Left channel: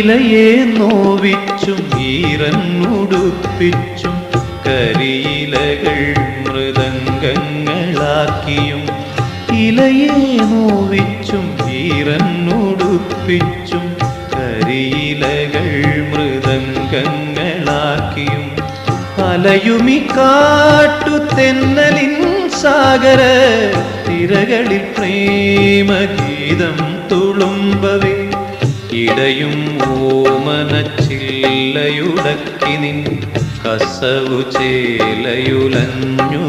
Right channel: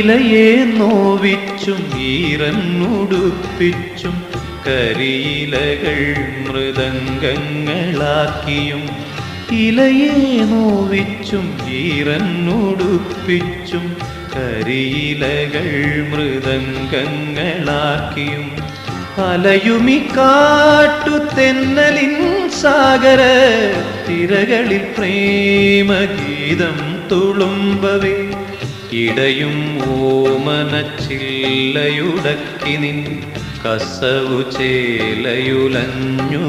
ഇലയെ നോവിച്ചും ഈറന്നുടുപ്പിച്ചും കരിയിലകൾ മൃദംഗങ്ങളാക്കിയും ഇലയെ നോവിച്ചും ഈറന്നുടുപ്പിച്ചും കരിയിലകൾ മൃദംഗങ്ങളാക്കിയും അലയുമി കാട്ടു തെന്നലിൻ സാഗര തിരകളിൽ പ്രേമഗീതം തുളുമ്പവേ ഇടയും ഓമനച്ചില്ലയുടക്കി നിൻ കസവു ചേലയുലഞ്ഞു